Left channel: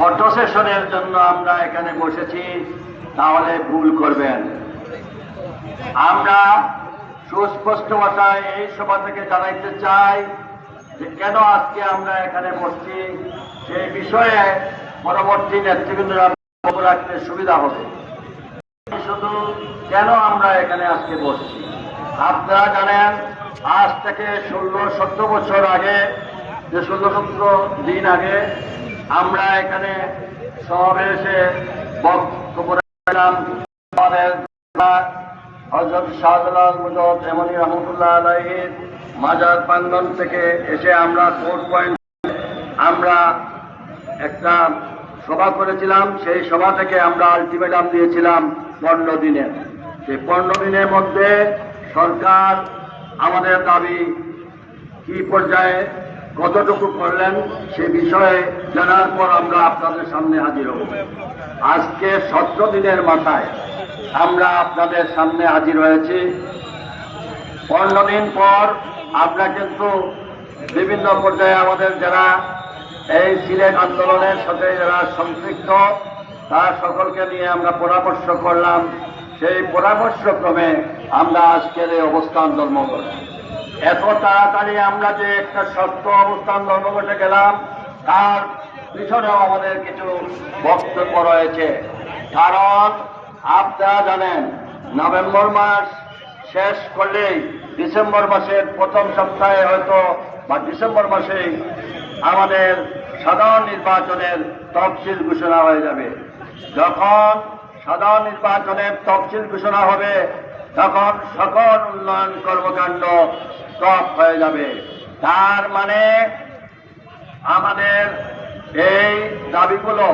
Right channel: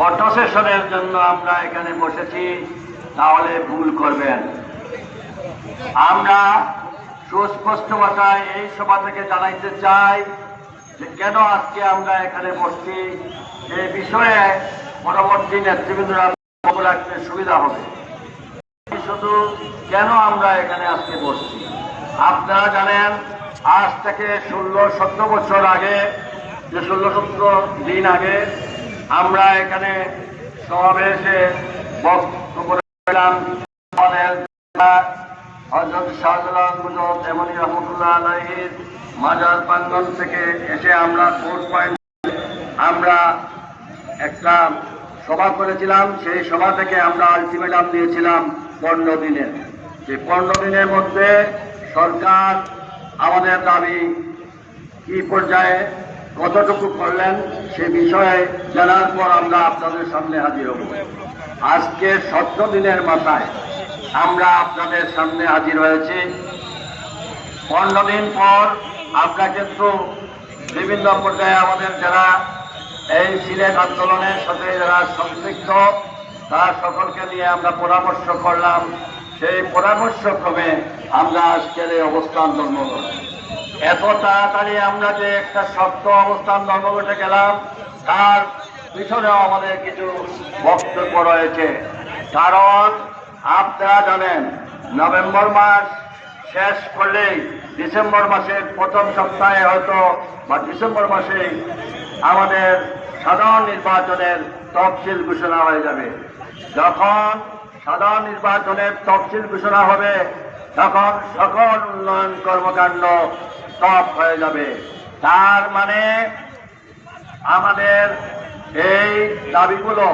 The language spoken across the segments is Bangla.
ফটো সেশনের জন্য আমরা এখানে বসেছি, তাহলে ভুল করবেন। আমরা সুস্পষ্ট ভাষায় এই সভা থেকে জানাইতে চাই যে কেন আজকে আমরা এখানে বসছি, এই বিষয়ে পরবর্তী নেতৃবৃন্দরা রাখতে সুবিধা হবে। শুধু কেন আমরা এখানে আজকে বসছি, আপনারা জানেন আজ থেকে 16-17 বছর আগে, যে 16-17 দিন আগে আমরা এখানে সমাবেশে বক্তব্য করেছিলাম। হযরত শাহজালাল মুজফফর জামানী রহমাতুল্লাহ আলাইহির মাজার প্রাঙ্গণ থেকে এসে আমরা কোর্ট পয়েন্ট আমরা একটা সভা করেছিলাম। সেই সভা থেকে আমরা আলটিমেটাম দিয়েছিলাম 15 দিনের। সেই 15 দিনের মধ্যে সরকার আমাদের দাবি কি পর্যায়ে কতটুকু করলেন সে বিষয়ে জানার পর আমরা আপনাদের সামনে হাজির হব। আজকে 17 দিনের মাথায় আমরা আপনাদের সামনে হাজির হয়েছি। 15 দিন পর আমরা কিন্তু বিভিন্ন পর্যায়ে আমাদের যারা এই সিলেট আন্দোলনের সাথে যারা সম্পৃক্ত তার সকলকে নিয়ে আমরা পরামর্শ করলাম। সেই পরামর্শক্রমে আমরা আজকের এই অবস্থান ধর্মঘট। এত তাড়াতাড়ি আমরা যে একটা শক্ত অবস্থান ধর্মঘটে গেলাম তার পিছনেও আমাদের কিছু বক্তব্য রয়েছে। কারণ আপনারা জানেন নভেম্বর মাস শেষ করলেই ডিসেম্বর মাসের প্রথম সপ্তাহে হয়তো বা ডিসেম্বর মাসেই আমাদের সাধারণ নির্বাচনের তফসিল ঘোষণা হয়ে যাবে। যখন সাধারণ নির্বাচনের তফসিল ঘোষণা হবে তখন সকল উন্নয়ন কর্মকাণ্ড স্টপ হয়ে যাবে। তার মানে আমাদের এই দাবিগুলো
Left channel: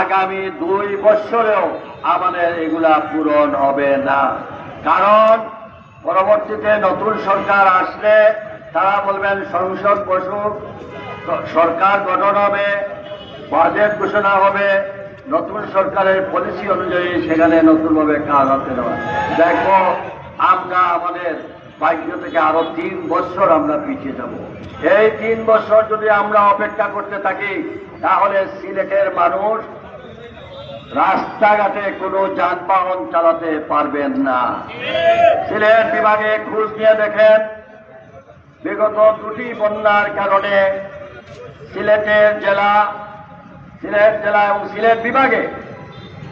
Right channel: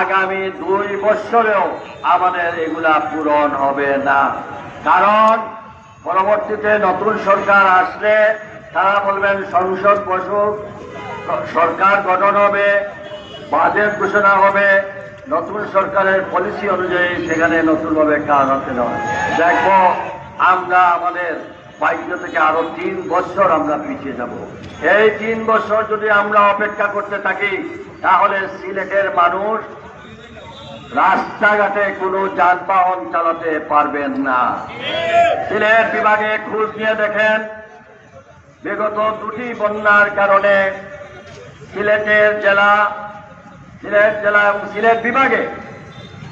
আগামী 2 বছরেও আমাদের এগুলা পূরণ হবে না। কারণ পরবর্তীতে নতুন সরকার আসলে তারা বলবেন সংসদ বসুক, সরকার গঠন হবে, বাজেট ঘোষণা হবে, নতুন সরকারের পলিসি অনুযায়ী সেখানে নতুনভাবে কাজ হতে দেওয়া। দেখো আমরা আমাদের ভাগ্য থেকে আরো 3 বছর আমরা পিছিয়ে যাব। এই 3 বছর যদি আমরা অপেক্ষা করতে থাকি তাহলে সিলেটের মানুষ রাস্তাঘাটে কোনো যানবাহন চালাতে পারবেন না। সিলেট বিভাগে খোঁজ নিয়ে দেখেন, বিগত 2টি বন্যার কারণে সিলেট জেলা এবং সিলেট বিভাগে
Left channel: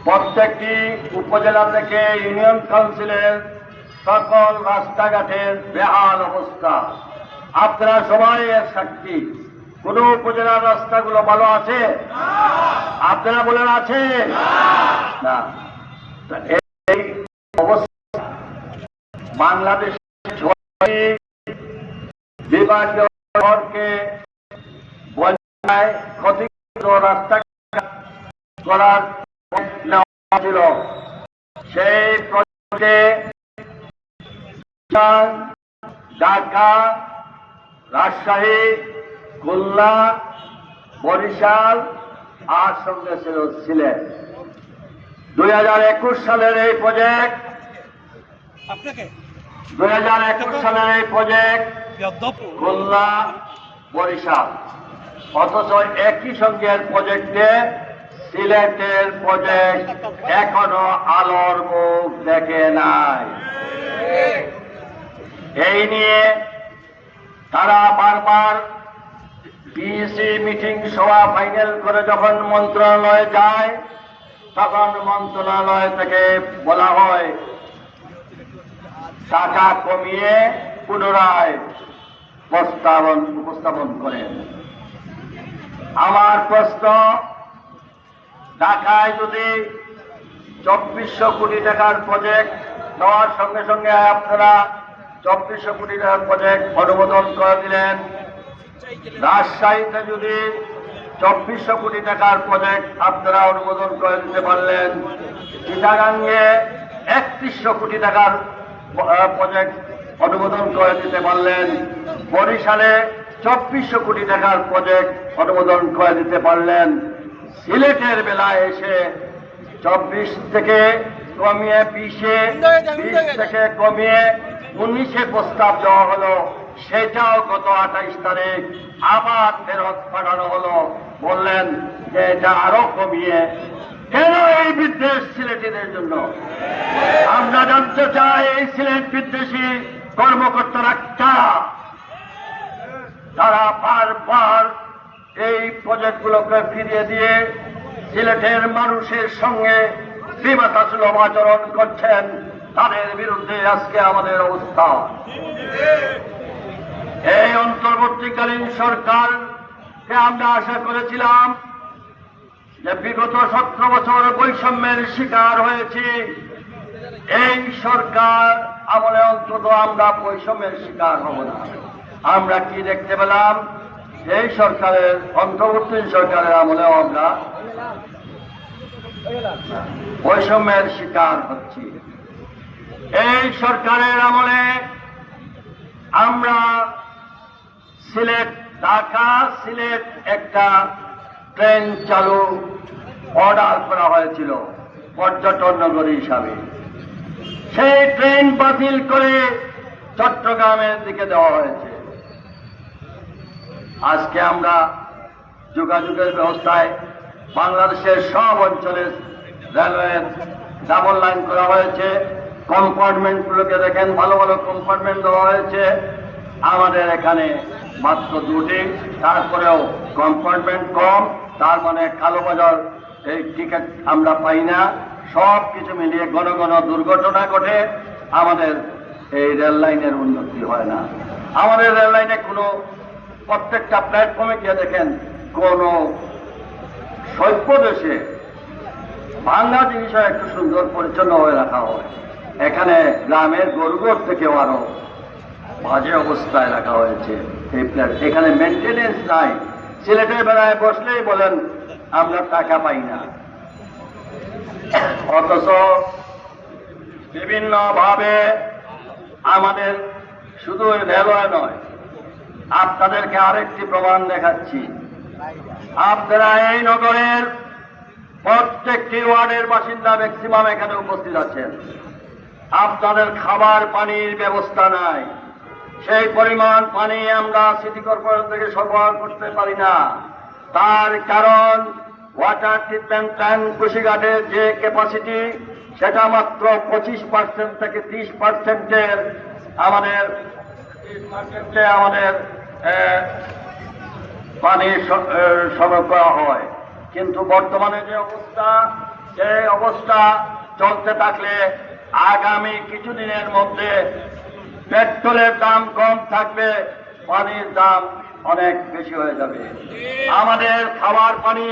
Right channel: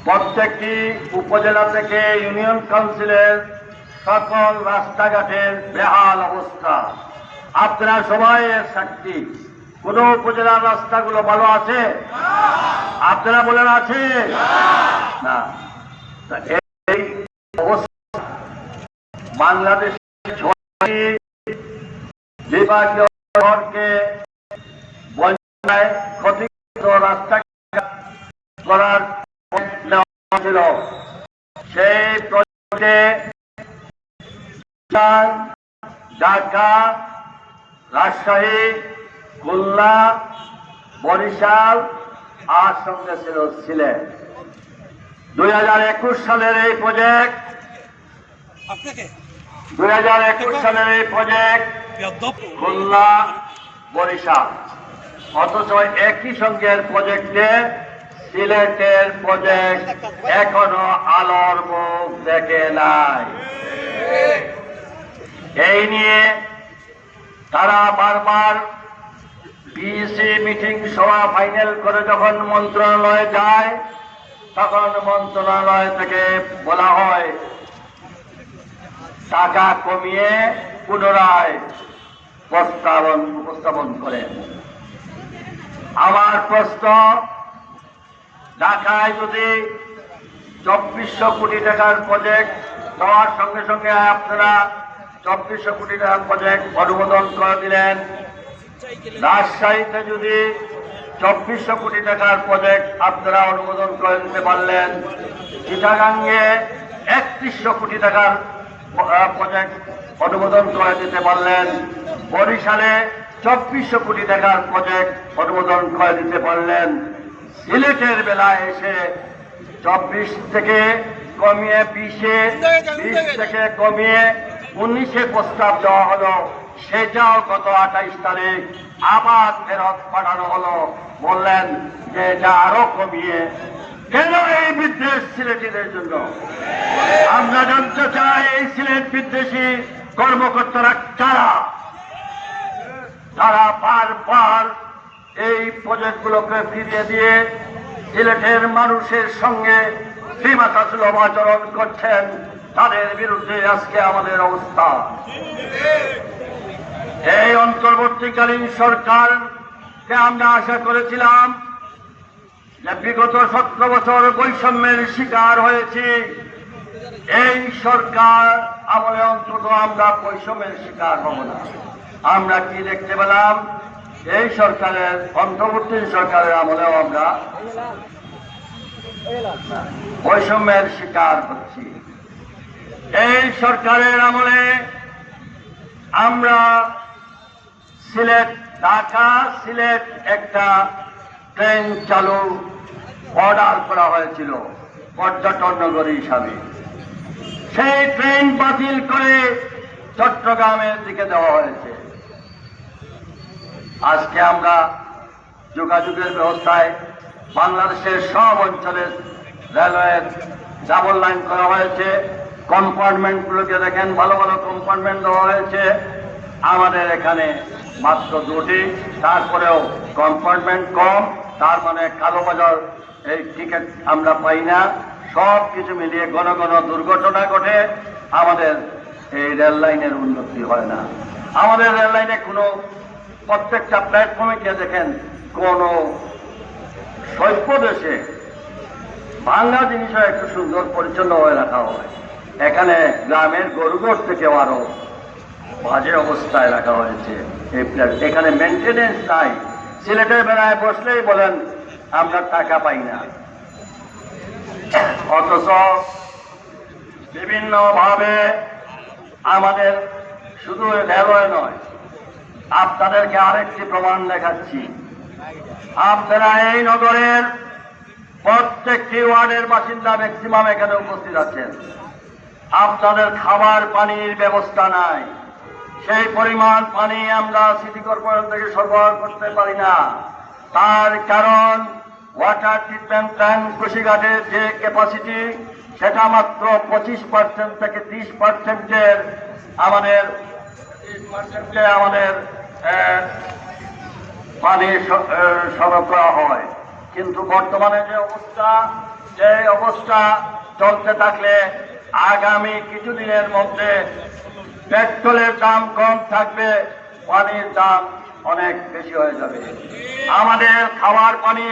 প্রত্যেকটি উপজেলা থেকে ইউনিয়ন কাউন্সিলের সকল রাস্তাঘাটের বেহাল অবস্থা। আপনারা সবাই এর সাক্ষী। কোন উপজেলার রাস্তাগুলো ভালো আছে? আপনারা বলেন আছে না? এই অবস্থা বাংলাদেশের বিভাগীয় শহরকে ক্ষতিগ্রস্ত রাস্তা করার ছিল। সেই প্রজেক্টে ঢাকা, রাজশাহী, খুলনা, বরিশাল আর সঙ্গে ছিল সিলেট। 2021 সালের এই প্রজেক্ট 2021 সালের এই প্রজেক্ট খুলনা, বরিশাল, অথচ একই সঙ্গের প্রজেক্টে সিলেটের প্রজেক্ট এখনো আলোর মুখ দেখে নাই। এই নিয়ে তারা বারবার পিএসি মিটিং সভা ফাইনাল করে যখন মন্ত্রণালয়ে যায় তখন মন্ত্রণালয় থেকে বলা হয় টাকা কমিয়ে পুনরায় উপস্থাপন করেন। আমার প্রশ্ন, ঢাকায় যদি 2400 কোটি টাকার প্রজেক্ট দেওয়ার সঙ্গে সঙ্গে আপনারা 2400 কোটি টাকার প্রজেক্ট অনুমোদন করে দিলেন, রাজশাহীতে যদি 2400 কোটি টাকার প্রজেক্ট আপনারা অনুমোদন করে দিতে পারলেন, চিটাগাঙ্গে 3100 কোটি টাকার প্রজেক্ট অনুমোদন করে দিতে পারলেন, বরিশালে 2400 কোটি টাকার প্রজেক্ট অনুমোদন করে দিতে পারলেন, সিলেটের বেলায় এসে 24 থেকে কমিয়ে 20 থেকে কমিয়ে 19 প্রস্তাব দেওয়া হলো, সেটাও গত 28 তারিখ আবার ফেরত পাঠানো হলো। বললেন যে এটা আরো কমিয়ে কেন এই বিদ্বেষ সিলেটিদের জন্য? আমরা জানতে চাই এই সিলেট বিদ্বেষী কর্মকর্তারা কারা? তারা বারবার এই প্রজেক্টগুলোকে ফিরিয়ে দিয়ে সিলেটের মানুষের সঙ্গে বিমাতাসুলভ আচরণ করছেন। তাদের বিরুদ্ধে আজকে আমাদের অবস্থা। এই অন্তর্বর্তীকালীন সরকারকে আমরা আশা করেছিলাম যে বিগত 17 বছর বৈষম্যের শিকার হয়েছি, এই সরকার আমলে অন্তত আমরা বৈষম্যের শিকার হব না। আমরা কি দেখতে পেলাম? এই সরকারের অন্তর্বর্তী সরকারের আমলেও আমরা বৈষম্যের শিকার হচ্ছি। এই সরকারের আমলে আমরা সিলেট ঢাকা সিলেট একটা ট্রেন চালু অর্ডার করা হয়েছিল পর্যটন নগরী হিসাবে। সেই ট্রেন বাতিল করে চট্টগ্রামের দিকে দেওয়া হয়েছে। আজকে আমরা যোগাযোগের ব্যবস্থায় বাংলাদেশের সব অঞ্চলে রেলওয়ের ডাবল লাইন করা হয়েছে। কম্পার্টমেন্টগুলোকে দেখেন, ভালো ভালো কম্পার্টমেন্ট দেওয়া হয়েছে। আমাদের এখানে মাত্র 2টি, তারপরেও কম্পার্টমেন্ট কম, তার মানে কালোবাজার এই টিকিট আমরা পাই না। সব কিছু মিলিয়ে ঘন ঘন দুর্ঘটনা ঘটে, আমাদের এই রেল লাইনের উন্নতি হয় না। আমাদের রেল লাইনে কোনো প্রত্যেকটা প্ল্যাটফর্মে গিয়ে দেখেন কোন সভ্য দেশে বাংলা জিনিসও একটু সুন্দর পরিচ্ছন্ন হয়ে রাখা হয়। এখানে গ্রামের গরুগড় থেকেও আরো বাজে অবস্থায় রাখা হয়েছে এই প্ল্যাট। এখানে মেনটেনেন্স নাই। সিলেটের বেড়ায় বসলেই বলেন আমরা টাকা পাই না, অথচ বিভিন্ন ভাবে আমাদের শুধু রেলওয়ে নয়, আপনাদেরকে আরেকটি প্রমাণ দেখাচ্ছি। আপনারা এই নগরের প্রত্যেকটি ওয়ার্ডের বাসিন্দা ম্যাক্সিমাম এখানে উপস্থিত আছেন। আপনাদের খাবার পানির ব্যবস্থা নাই। সেই পরিমাণ পানি আমরা সিটি কর্পোরেশন থেকে সরবরাহ করতে পারি না। তার কারণ ওয়াটার ট্রিটমেন্ট প্ল্যান্ট কুশিঘাটের যে ক্যাপাসিটি সেটা মাত্র 25% থেকে 30% আমাদের পানি সরবরাহ করা হয়। কিন্তু বর্তমানে যে অবস্থা চলতে থাকলে আগামী কিছুদিনের মধ্যে পেট্রোলের দাম কম থাকবে, পানির দাম অনেক বেশি হয়ে যাবে। আমাদের খাবার পানি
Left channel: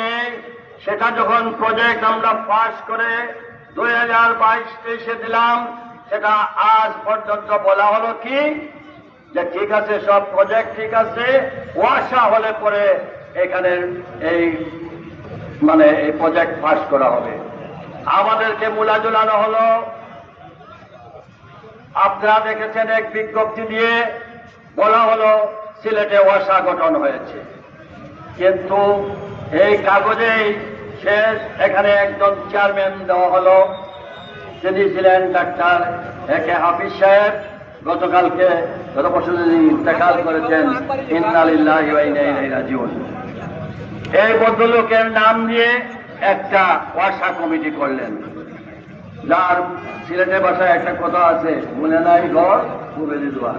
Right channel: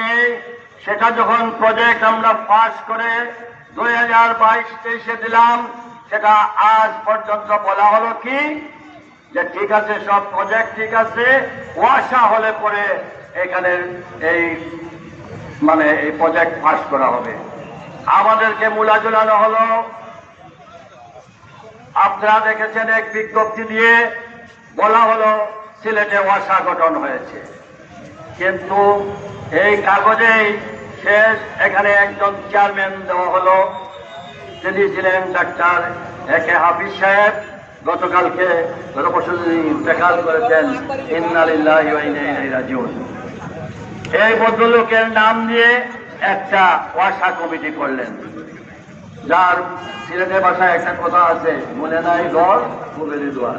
সেটা যখন প্রজেক্ট আমরা পাস করে 2022-23-এ দিলাম, সেটা আজ পর্যন্ত বলা হলো কি যে ঠিক আছে, সব প্রজেক্ট ঠিক আছে, ওয়াসা হলে পরে এখানে এই প্রজেক্ট পাস করা হবে। আমাদেরকে মূলা ঝুলানো হলো। আপনারা দেখেছেন এক বিজ্ঞপ্তি দিয়ে বলা হলো সিলেটে ওয়াসা গঠন হয়েছে, কিন্তু এই কাগজেই শেষ। এখানে একজন চেয়ারম্যান দেওয়া হলো, তিনি ছিলেন ডাক্তার একে হাফিজ সাহেব। গত পরশুদিন ইন্তেকাল করেছেন। ইন্না লিল্লাহি ওয়া ইন্না ইলাইহি রাজিউন। এই ভদ্রলোকের নাম দিয়ে একটা ওয়াসা কমিটি করলেন, যার সিলেটের ভাষায় একটা কথা আছে, মনে নাই ঘর কমিটি দোয়া।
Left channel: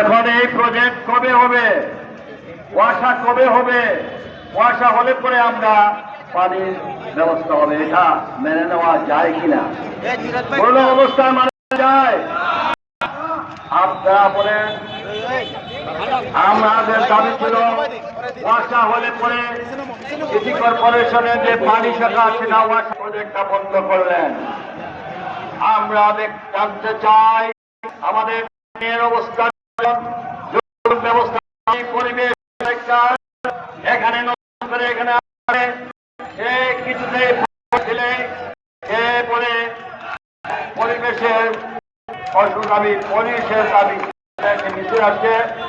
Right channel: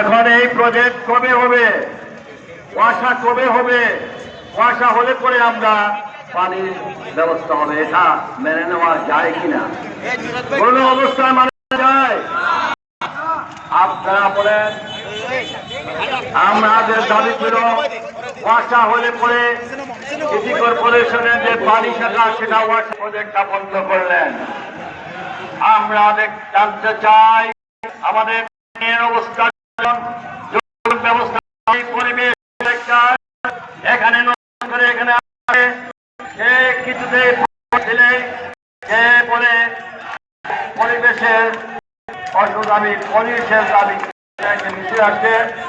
এখন এই প্রজেক্ট কবে হবে? ওয়াসা কবে হবে? ওয়াসা হলে পরে আমরা পানির ব্যবস্থা হবে। এটা মেনে নেওয়া যায় কিনা? কোন অবস্থায় মানা যায়? আপনারা বলেন। আমাদের দাবি ছিল ওয়াসা হলে পরে সিটি কর্পোরেশনের যে পানি শাখা সেটা ওয়াসা প্রজেক্টটা বন্ধ করলেন। আমরা জানতে চাই আমাদের অবস্থা, ব্যবস্থা, পরিবেশ এখানে সে কিছুতে ছেলে সে বলে পরিবেশের দাবি, পরিবেশের দাবি নিচে আসছে।